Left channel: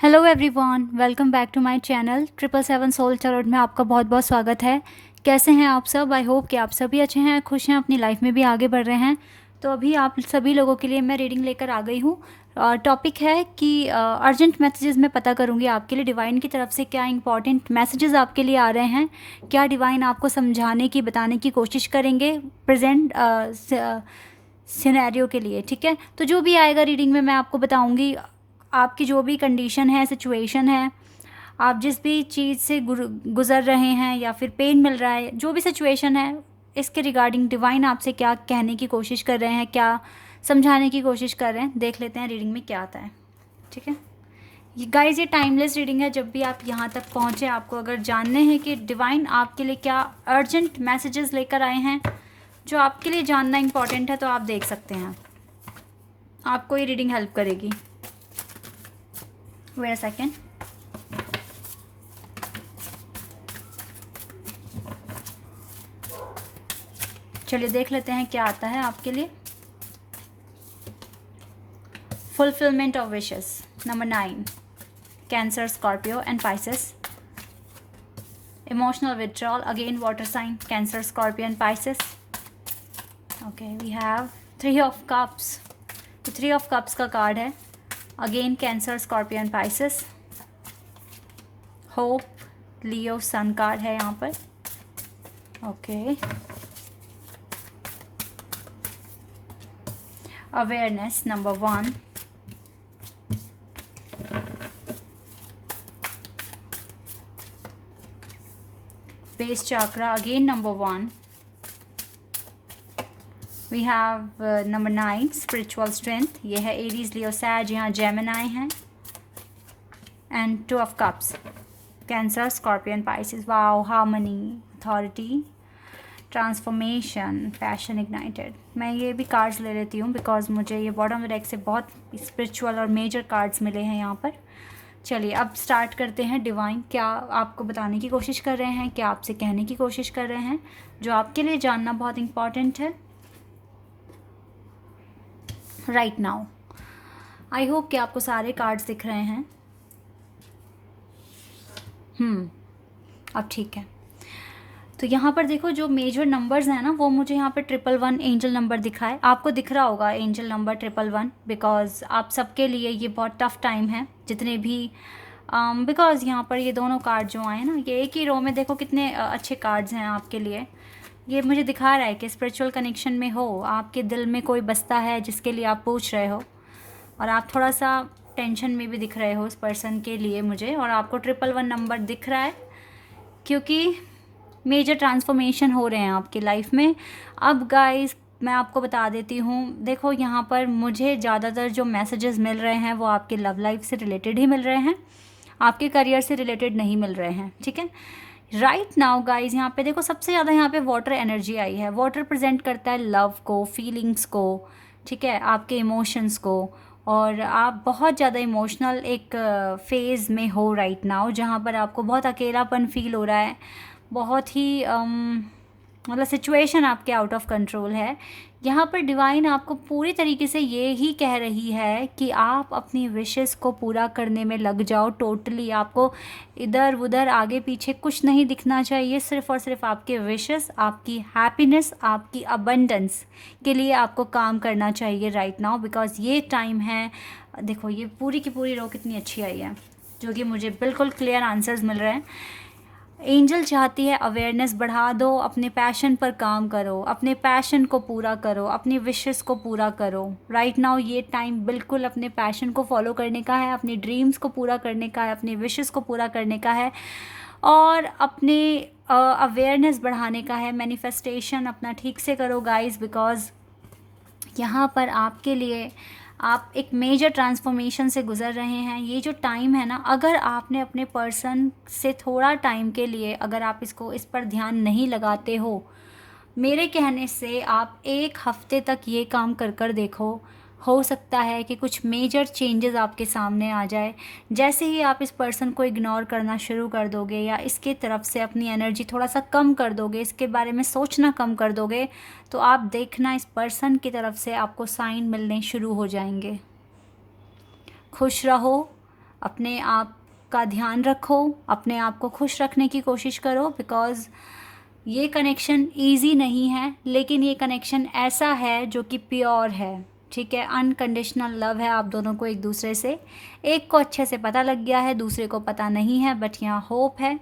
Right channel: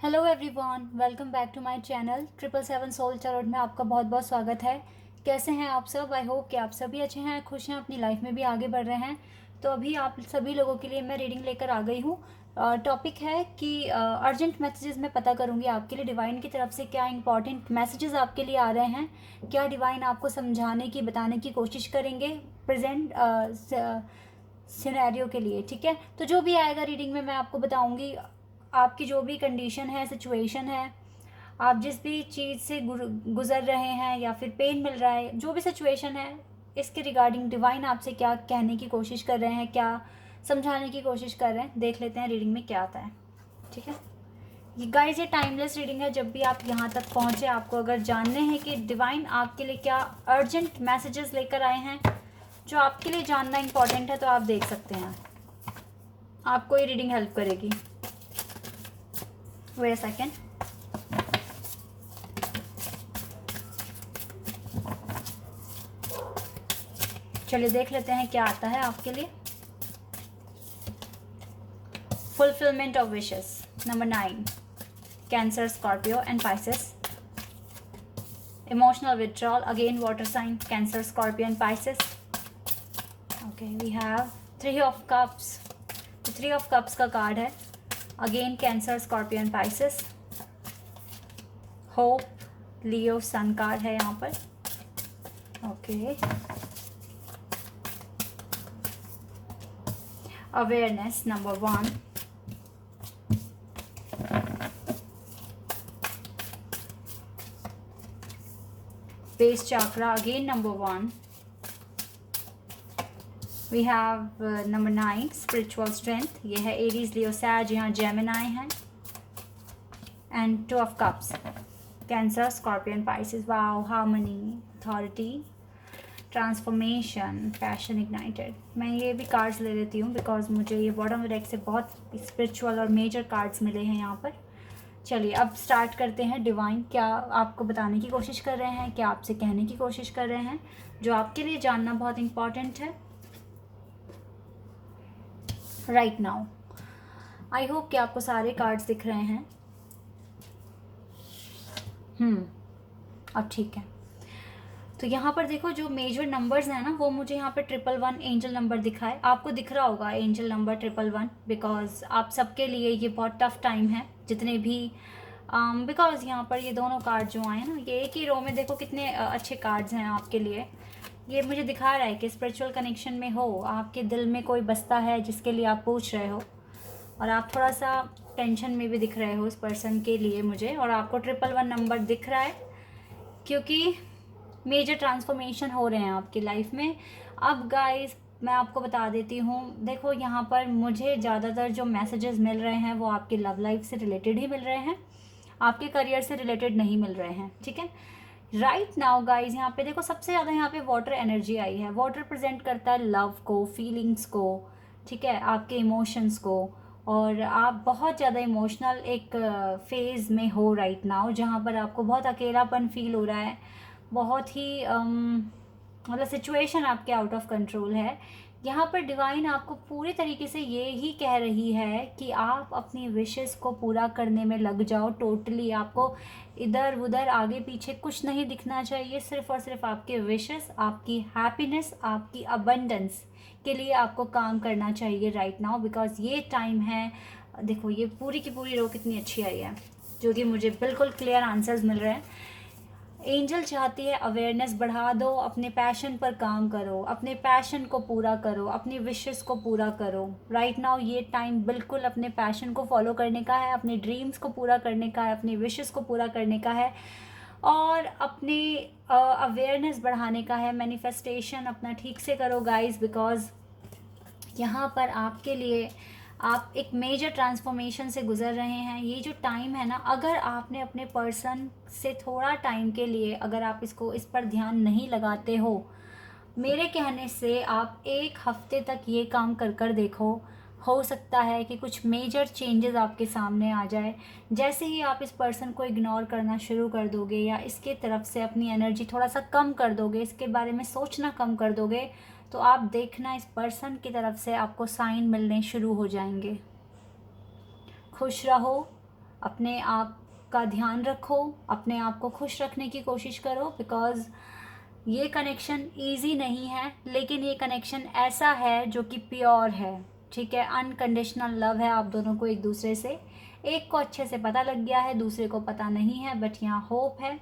Hello everyone, welcome back to my channel 777 soul tarot में आपका बहुत बहुत स्वागत है। कैसे हैं आप सब? आई होप कि आप सभी अच्छे हैं, खुश हैं, अपनी लाइफ में भी आगे बढ़ रहे हैं। तो अभी आप सभी लोगों के लिए मैं रीडिंग लेकर आ गई हूँ। टॉपिक है कि अर्जेंट मैसेजेस मैं पता करूँगी आपके लिए डिवाइन की तरफ से क्या इंपॉर्टेंट मैसेजेस आपके लिए आ रहे हैं, क्या डिवाइन आपको समझाने की बताने की कोशिश करेंगे प्रेजेंट सिनेरियो के लिए। ठीक है, तो जो भी आएगा रीडिंग में मैं आपको बताऊंगी। आपकी जो भी कंडीशन है, सिचुएशन है, आप जिस भी चीज़ से गुज़र रहे हैं या फिर पेन मिल रहा है, जो भी सिचुएशन है, इसके रिगार्डिंग डिवाइन आपसे क्या कहने की कोशिश कर रहे हैं, क्या समझाने की कोशिश कर रहे हैं, देख लेते हैं रीडिंग में क्या आता है। ठीक है गाइज, ये टाइमलेस रीडिंग है। जब भी आप यहाँ तक पहुँचे, आपको अगर जानने हैं कि डिवाइन आपके लिए क्या अर्जेंट मैसेजेस लेकर आए हैं जो आपके लिए जानना इंपॉर्टेंट है, तो आप देख सकते हैं। आपको ये रीडिंग हेल्प करेगी। Wait a second. चलिए देख लेते हैं क्या आता है आपके लिए। Fulfilment of wishes number 9, Cancer, Scorpio and Pisces. Emotional withdrawal, again water sign, Cancer, Scorpio and Pisces. Okay, we have 3 of cups. 3 of cups का कार्ड है। Again Cancer, Scorpio and Pisces. Hope, Leo, sun card है यहाँ पर। Okay, awareness number 1, base chakra, again number 1। We have number 9, spiritual strength. ये है Aries, Leo, Sag, यहाँ Gemini हैं। And 2 of cups, Cancer, Scorpio and Pisces. Wow, harmony, authority, transformation, passion ignited. मैं ये भी कार्ड्स ले लेती हूँ बिकॉज मुझे ये बॉटम डेक से बहुत स्पिरिचुअल और मेजर कार्ड्स मिले हैं यहाँ पर। चलिए अब स्टार्ट करते हैं। डिवाइन क्या आपको बताने की कोशिश कर रहे हैं, क्या आपसे कहने की कोशिश कर रहे हैं, जो आपके लिए जानना बहुत इम्पॉर्टेंट है राइट नाउ। आई होप कि आपको सारे कार्ड्स दिख रहे हैं। अब ठीक है। तो यहाँ पर देखो, जो मेजर नंबर्स हैं ना, वो मुझे यहाँ पर 111 एंजल नंबर दिखा है। आपको दिख रहा होगा एंजल नंबर 111 बिकॉज आप सबके लिए ये बहुत टफ टाइम है, जितने भी बिकॉज यहाँ पर ये दोनों कार्ड जो आए ना, ये एक ही रो में देखो कितने अच्छे कार्ड्स हैं आपके लिए। ये मुझे दिखा रहा है कि स्पिरिचुअल कनेक्शन में हो, आपके दिल में कोई बसता है जिसके लिए आप पूछ रहे हो, और आप थोड़ा सा टेंशन में भी दिख रहे हो उस पर्सन के लिए मुझे, और आपको 111 नंबर दिख रहा है क्योंकि मेजर ट्रांसफॉर्मेशन हो रहे हैं आपकी लाइफ में। अब गाइस मैं आपको बता देती हूँ, देखो यहाँ पर मुझे ज़्यादातर जो मैसेजेस मिल रहे हैं वो आपके लव लाइफ से रिलेटेड ही मिल रहे हैं, आपके करियर से रिलेटेड नहीं मिल रहे हैं। ठीक है, राइट नाउ गाइज यहाँ पे देखो, सबसे ज़्यादा यहाँ पे वाटर एनर्जी आई है। वाटर प्रेजेंट करता है लव को, फीलिंग्स को, ठीक है, आपके इमोशंस को, और आप बहुत ज़्यादा इमोशनल एक फेज़ में हो राइट नाउ, जहाँ पर आपको बहुत अकेलापन फील हो रहा है, बहुत ही मतलब सिचुएशन आपके आउट ऑफ कंट्रोल है। यहाँ पर डिवाइन आपको पूरी तरीके से ये ही कह रही है कि आप अपनी विशेस को पूरा करने में लग जाओ टोटली। आपको इधर उधर आगे पीछे कुछ नहीं दिखना चाहिए, सिर्फ और सिर्फ आपके विशेस, आपकी हैप्पीनेस, आपकी अबंडेंस के लिए आपको काम करना चाहिए राइट नाउ, बिकॉज ये टाइम है। देखो ये पूरी की पूरी रो कितनी अच्छी आई है, जो कि मुझे बिल्कुल क्लियर आंसर्स मिल रहे हैं। एंजल चाहती है अवेयरनेस बढ़ा दो, अपने पैशन पर काम करो, अपने पैशन को पूरा करो, अपनी विशेस को पूरा करो राइट नाउ। ये टाइम बिल्कुल अपने पैशन को फॉलो करने का है, अपने ड्रीम्स को पूरा करने का है, अपनी विशेस को पूरा करने का है, और अपने अवेयरनेस बढ़ाने का है। मैनिफेस्टेशन अपना ठीक से करो गाइस, बिकॉज यहाँ पर आपके लिए आप एक मेजर ट्रांसफॉर्मेशन से गुजर रहे हैं। ये जो टाइम है ना, अगर आपने अपने पर्सन से थोड़ा टाइम के लिए, अगर आप इस पर ध्यान नहीं लगाते हो, मेरे कहने से आप 1 हफ्ते तक ये काम कर कर देखो, हो सकता है कि कुछ मेजर चेंजेस आपके सामने आ जाए। जैसे ही आप इस पर्सन को इग्नोर करना शुरू कर दोगे, या इसके तरफ से अपनी एनर्जी थोड़ा सा कम कर दोगे, इसके बारे में सोचना कम कर दोगे, तो आप देखना इस पर्सन की तरफ से आपको साइन मिलने शुरू हो जाएंगे। खुश रहो, अपने आप का ध्यान रखो, अपने आप को खुश रखने की कोशिश करो, बिकॉज़ ये कनेक्शन ईजी नहीं है, लेकिन ये कनेक्शन ऐसा है जो कि प्योर है, ठीक है। अनकंडीशनल लव है आप दोनों को एक दूसरे से। एक को अच्छे से पता लग गया है, दूसरे को पता नहीं है, बट यहाँ होप है,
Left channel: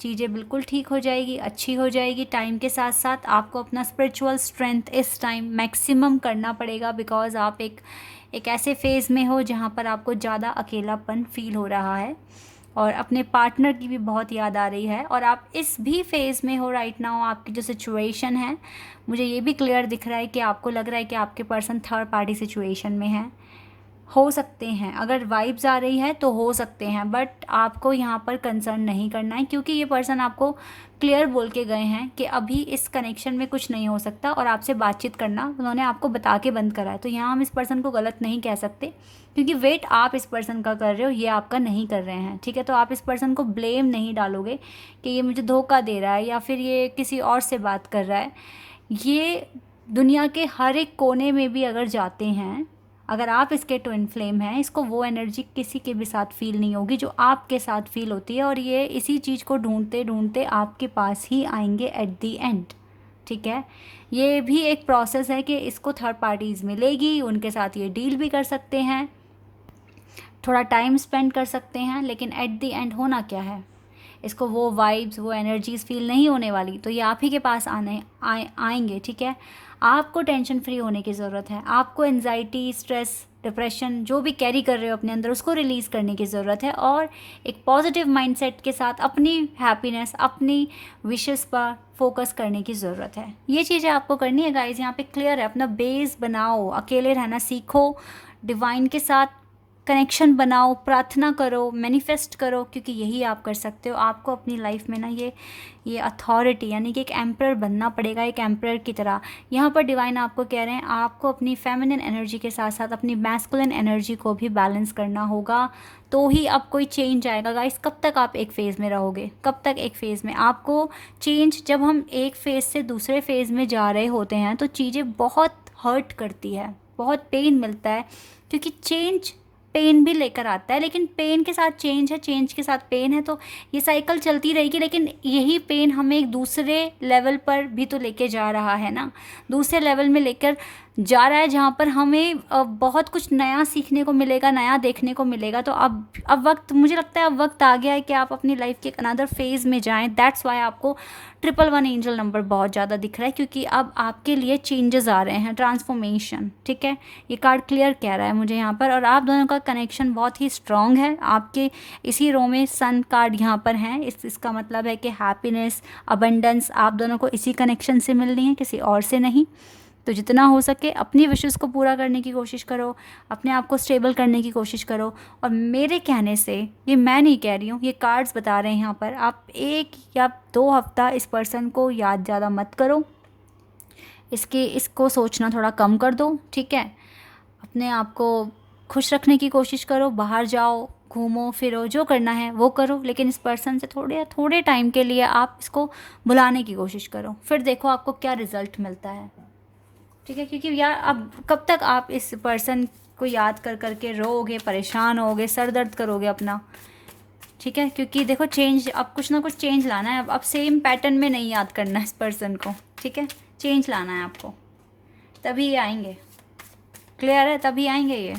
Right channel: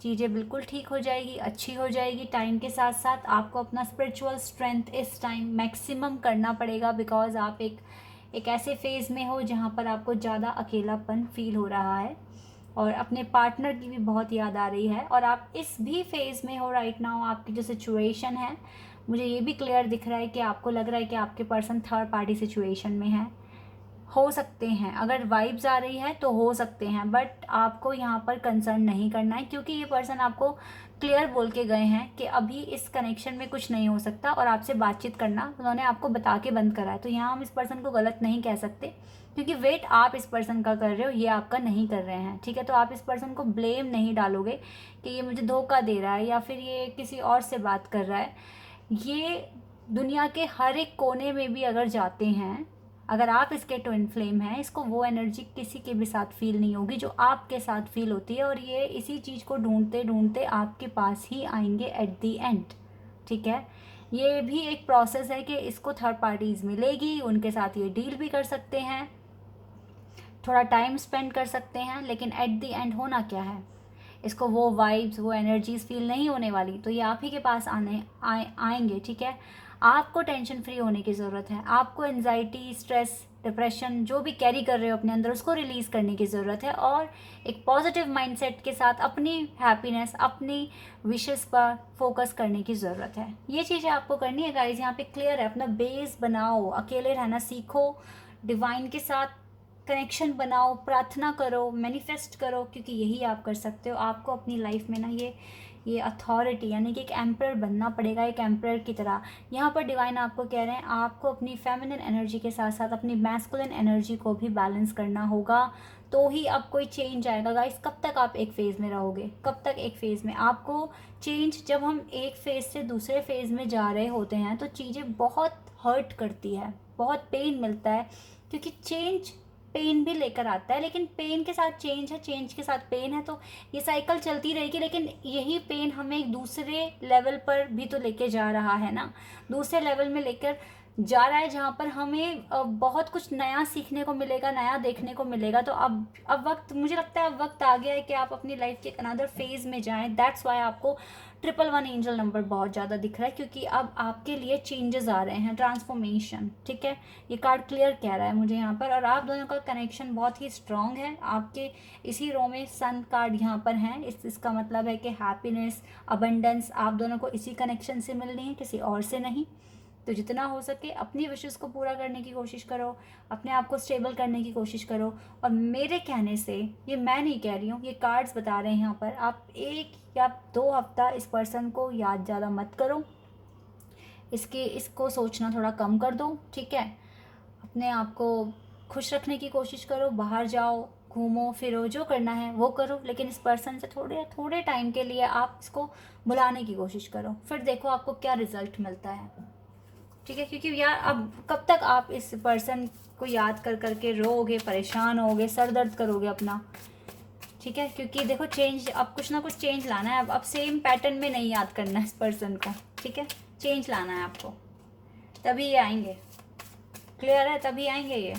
चीज़ें बिल्कुल ठीक हो जाएगी, अच्छी हो जाएगी। टाइम के साथ साथ आपको अपना स्पिरिचुअल स्ट्रेंथ इस टाइम मैक्सिमम करना पड़ेगा, बिकॉज़ आप एक ऐसे फेज़ में हो जहाँ पर आपको ज़्यादा अकेलापन फील हो रहा है और अपने पार्टनर की भी बहुत याद आ रही है, और आप इस भी फेज़ में हो राइट नाउ। आपकी जो सिचुएशन है, मुझे ये भी क्लियर दिख रहा है कि आपको लग रहा है कि आपके पर्सन थर्ड पार्टी सिचुएशन में है। हो सकते हैं, अगर वाइब्स आ रही है तो हो सकते हैं, बट आपको यहाँ पर कंसर्न नहीं करना है, क्योंकि ये पर्सन आपको क्लियर बोल के गए हैं कि अभी इस कनेक्शन में कुछ नहीं हो सकता, और आपसे बातचीत करना उन्होंने आपको बता के बंद करा है। तो यहाँ हम इस पर्सन को गलत नहीं कह सकते, क्योंकि वेट आप इस पर्सन का कर रहे हो, ये आपका नहीं कर रहे हैं, ठीक है। तो आप इस पर्सन को ब्लेम नहीं डालोगे कि ये मुझे धोखा दे रहा है या फिर ये किसी और से बात कर रहा है। ये दुनिया के हर एक कोने में भी अगर जाते हैं, अगर आप इसके ट्विन फ्लेम हैं, इसको वो एनर्जी किसी के भी साथ फील नहीं होगी जो आपके साथ फील होती है, और ये इसी चीज़ को ढूंढते ढूंढते आपके पास ही आएंगे एट दी एंड, ठीक है। ये भी एक प्रोसेस है कि इसको थर्ड पार्टीज़ मिलेगी, उनके साथ ये डील भी कर सकते हैं, थोड़ा टाइम स्पेंड कर सकते हैं, लेकिन एट दी एंड होना क्या है, इसको वो वाइब्स, वो एनर्जीज फील नहीं होने वाली, तो ये आप ही के पास आएंगे, ठीक है। आपको टेंशन फ्री होने की ज़रूरत है, आपको एंजाइटी, स्ट्रेस, डिप्रेशन जो भी कैरी कर रहे हो अपने अंदर, उसको रिलीज़ करने की ज़रूरत है, और एक पॉजिटिव माइंडसेट के साथ अपनी हैप्पीनेस, अपनी विशेस पर फोकस करने की ज़रूरत है। ये चीज़ें आपको करनी है गाइज, यहाँ पे क्लियर है। अपना बेस बनाओ, अकेले रहना सीखो, डिवाइन के साथ कनेक्शन बनाओ, प्रार्थना करो, मैनिफेस्ट करो, क्योंकि यही आप कर सकते हो। आपको अपनी लाइफ में ना ये अथॉरिटी, यानी कि एक एम्परर बनना पड़ेगा, एक एम्परर की तरह। यहाँ पर डिवाइन आपको कह रहे हैं आपको अपनी फेमिनिन एनर्जी के साथ साथ अपनी मैस्कुलिन एनर्जी को भी बैलेंस करना होगा, तो ही अब कोई चेंज आएगा गाइस। कब तक आप एक फ़ेज़ में रहोगे, कब तक एक फ़ेज़ में? आपको चेंज, जब हम एक फ़ेज़ से दूसरे फ़ेज़ में जा रहे होते हैं तो चीज़ें बहुत हर्ट करती है, बहुत पेन मिलता है, क्योंकि चेंज पेन भी लेकर आता है, लेकिन पेन के साथ चेंज है, चेंज के साथ पेन है, तो ये साइकिल चलती रहेगी। लेकिन यही पेन हमें एक दूसरे लेवल पर भी तो लेके जा रहा है ना, दूसरे लेवल में लेकर जा रहा है, जहाँ पर हमें बहुत कुछ नया सीखने को मिलेगा, नया देखने को मिलेगा। तो अब वक्त, मुझे लगता है अब वक्त आ गया है कि आप अपनी लाइफ के एक अनदर फेज़ में जाएं। दैट्स वाई आपको 111 एंजल नंबर बहुत ज़्यादा दिख रहा है, क्योंकि अब आपके लिए चेंजेस आ रहे हैं, ट्रांसफॉर्मेशन, ठीक है। ये कार्ड क्लियर कह रहा है मुझे यहाँ पर, और आप दोनों का कनेक्शन बहुत ही स्ट्रॉन्ग है। आपके इसी रो में सन कार्ड यहाँ पर हैं, इसका मतलब है कि हैप्पीनेस, अबंडेंस आप दोनों को इसी कनेक्शन से मिलनी है, किसी और से नहीं। तो जितना हो सके अपनी विशेस को पूरा करने की कोशिश करो, अपने आप को स्टेबल करने की कोशिश करो। और मेरे कहने से, ये मैं नहीं कह रही हूँ, ये कार्ड्स बता रहे हैं यहाँ पर, आप 1 या 2 हफ्ता इस पर्सन को याद ज़्यादा मत करो, इसको सोचना थोड़ा कम कर दो, ठीक है। अपने आप को खुश रखने की कोशिश करो, बाहर जाओ, घूमो फिरो, जो करना है वो करो, लेकिन इस पर्सन से थोड़े टाइम के लिए आप इसको भुलाने की कोशिश करो, फिर देखो आपको क्या रिज़ल्ट मिलता है, ठीक है। क्योंकि यार अब कब तक आप इस पर्सन को याद कर करके रोओगे, परेशान होगे, सर दर्द करोगे अपना, ठीक है। क्योंकि देखो चेंज, अब कुछ ना कुछ चेंज लाना है, अब सेम पैटर्न में नहीं याद करना है इस पर्सन को, ठीक है। चेंज लाना है आपको, तभी ये आएंगे, क्लियर है, तभी आएंगे ये।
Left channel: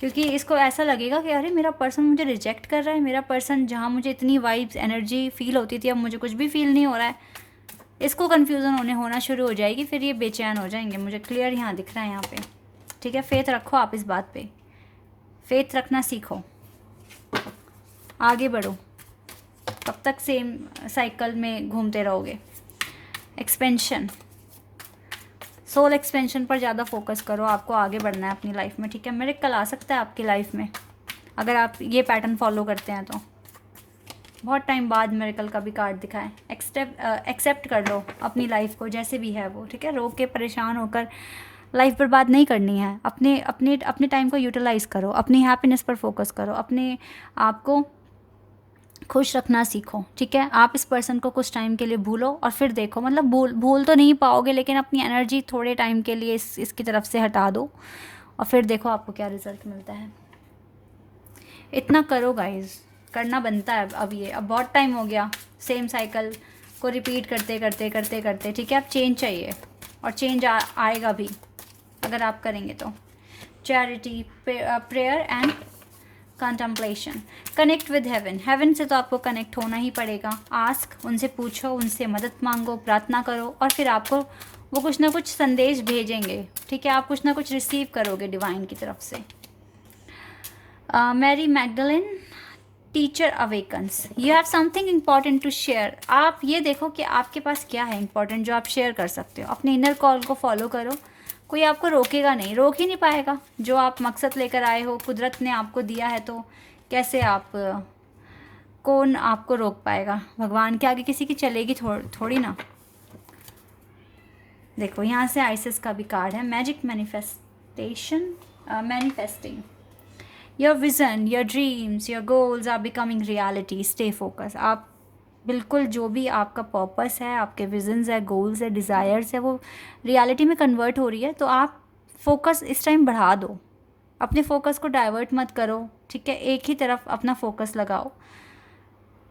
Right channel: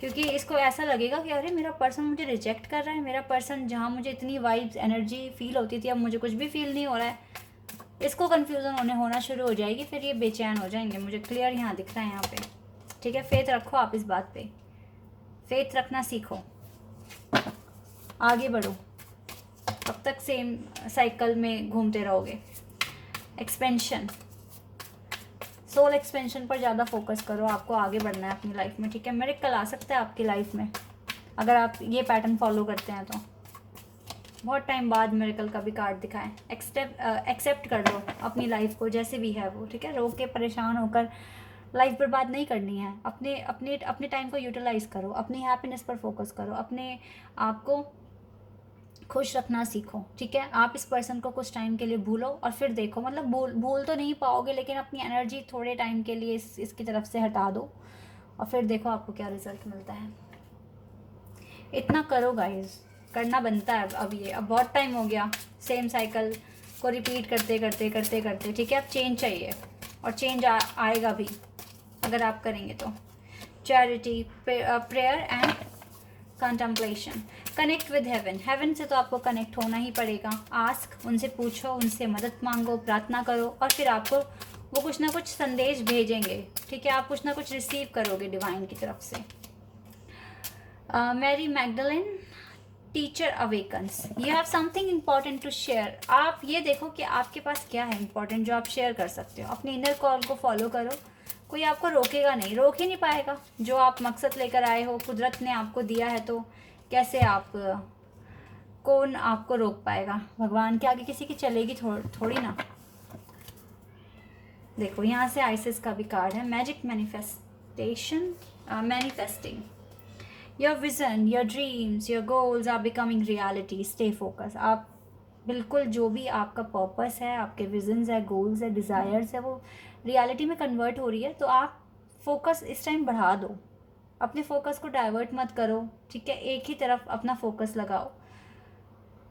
क्योंकि इसको ऐसा लगेगा कि अरे मेरा पर्सन मुझे रिजेक्ट कर रहा है, मेरा पर्सन, जहाँ मुझे इतनी वाइब्स, एनर्जी फील होती थी, अब मुझे कुछ भी फील नहीं हो रहा है। इसको कन्फ्यूज़न होना शुरू हो जाएगी, फिर ये बेचैन हो जाएंगे, मुझे क्लियर यहाँ दिख रहा है यहाँ पे, ठीक है। फेथ रखो आप इस बात पे, फेथ रखना सीखो, आगे बढ़ो, कब तक सेम साइकिल में घूमते रहोगे। एक्सपेंशन, सोल एक्सपेंशन पर ज़्यादा फोकस करो, आपको आगे बढ़ना है अपनी लाइफ में, ठीक है। मिरेकल आ सकता है आपकी लाइफ में अगर आप ये पैटर्न फॉलो करते हैं, तो बहुत टाइम बाद मिरेकल का भी कार्ड दिखाएं। एक्सेप्ट कर लो अपनी लाइफ को जैसे भी है वो, ठीक है। रो के परेशान होकर लाइफ बर्बाद नहीं करनी है, अपने टाइम को यूटिलाइज़ करो, अपनी हैप्पीनेस पर फोकस करो, अपने आप को खुश रखना सीखो, ठीक है। आप इस पर्सन को कुछ टाइम के लिए भूलो और फिर देखो, मतलब भूल तो नहीं पाओगे, लेकिन अपनी एनर्जी थोड़े टाइम के लिए इसकी तरफ से हटा दो और फिर देखो आपको क्या रिजल्ट मिलता है। इतना करो गाइज, करना बनता है। अब ये अब बहुत टाइम हो गया सेम साइकिल को रिपीट करते करते करते करते, ठीक है। अब चेंज चाहिए और चेंज आएगा भी अगर आप करेंगे तो। Charity, prayer and contemplation. Connect with heaven, heaven से तो आपको कनेक्ट होना ही पड़ेगा। आस्क, उनसे पूछो, उनसे मदद मांगो, प्रार्थना करो, और फिर आपको वो कुछ ना कुछ संदेश भेजेंगे, ठीक है। आप कुछ ना कुछ रिसीव करोगे डिवाइन की तरफ से। Mary Magdalene, teacher awakens, you have something important to share. आप ये देखो कि आपके पास क्या है इम्पॉर्टेंट जो आप शेयर कर सकते हो। अपने इनर कॉल को फॉलो करो, कोई आपको रोकेगा नहीं, रोक ही नहीं पाएगा। जो आप मकसद लेकर आए हो, कुदरत ने आपको दिया है, तो कैसे आप कौन आपको रोक पाएगा। भगवान के आगे किसी की चलेगी थोड़ी ना। देखो यहाँ से आइसिस का भी कार्ड है, magic manifestation, manifesting your vision, your dreams, your goals are becoming reality, stay focus. आप बिल्कुल जो भी आपका पर्पस है, आपके विजन्स है, गोल्स है, डिज़ायर्स है, वो रियलिटी में कन्वर्ट हो रही है। तो आप फोकस इस टाइम बढ़ा दो, अपने फोकस को डाइवर्ट मत करो, ठीक है। एक ही तरफ अपना फोकस लगाओ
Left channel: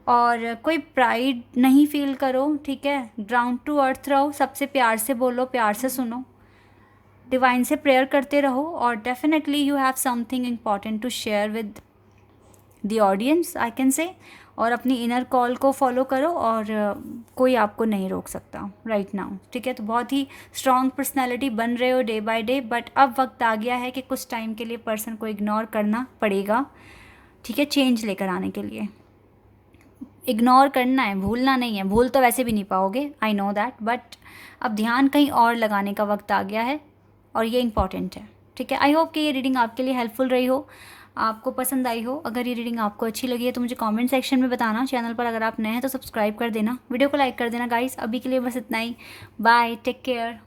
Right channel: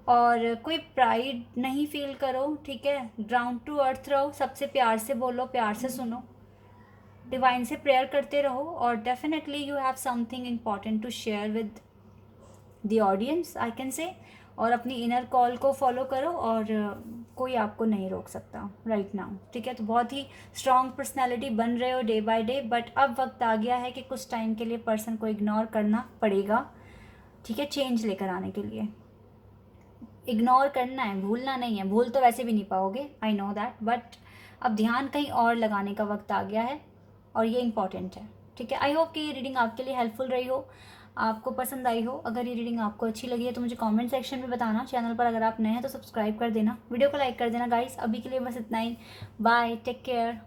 और कोई प्राइड नहीं फील करो, ठीक है। ग्राउंड टू अर्थ रहो, सबसे प्यार से बोलो, प्यार से सुनो, डिवाइन से प्रेयर करते रहो, और definitely you have something important to share with the audience, I can say. और अपनी इनर कॉल को फॉलो करो और कोई आपको नहीं रोक सकता राइट नाउ, ठीक है। तो बहुत ही स्ट्रॉन्ग पर्सनैलिटी बन रहे हो डे बाय डे, बट अब वक्त आ गया है कि कुछ टाइम के लिए पर्सन को इग्नोर करना पड़ेगा, ठीक है, चेंज लेकर आने के लिए। इग्नोर करना है, भूलना नहीं है। भूल तो वैसे भी नहीं पाओगे, आई नो दैट, बट अब ध्यान कहीं और लगाने का वक्त आ गया है और ये इंपॉर्टेंट है, ठीक है। आई होप कि ये रीडिंग आपके लिए हेल्पफुल रही हो, आपको पसंद आई हो। अगर ये रीडिंग आपको अच्छी लगी है तो मुझे कमेंट सेक्शन में बताना। चैनल पर अगर आप नए हैं तो सब्सक्राइब कर देना, वीडियो को लाइक कर देना गाइस। अभी के लिए बस इतना ही, बाय, टेक केयर।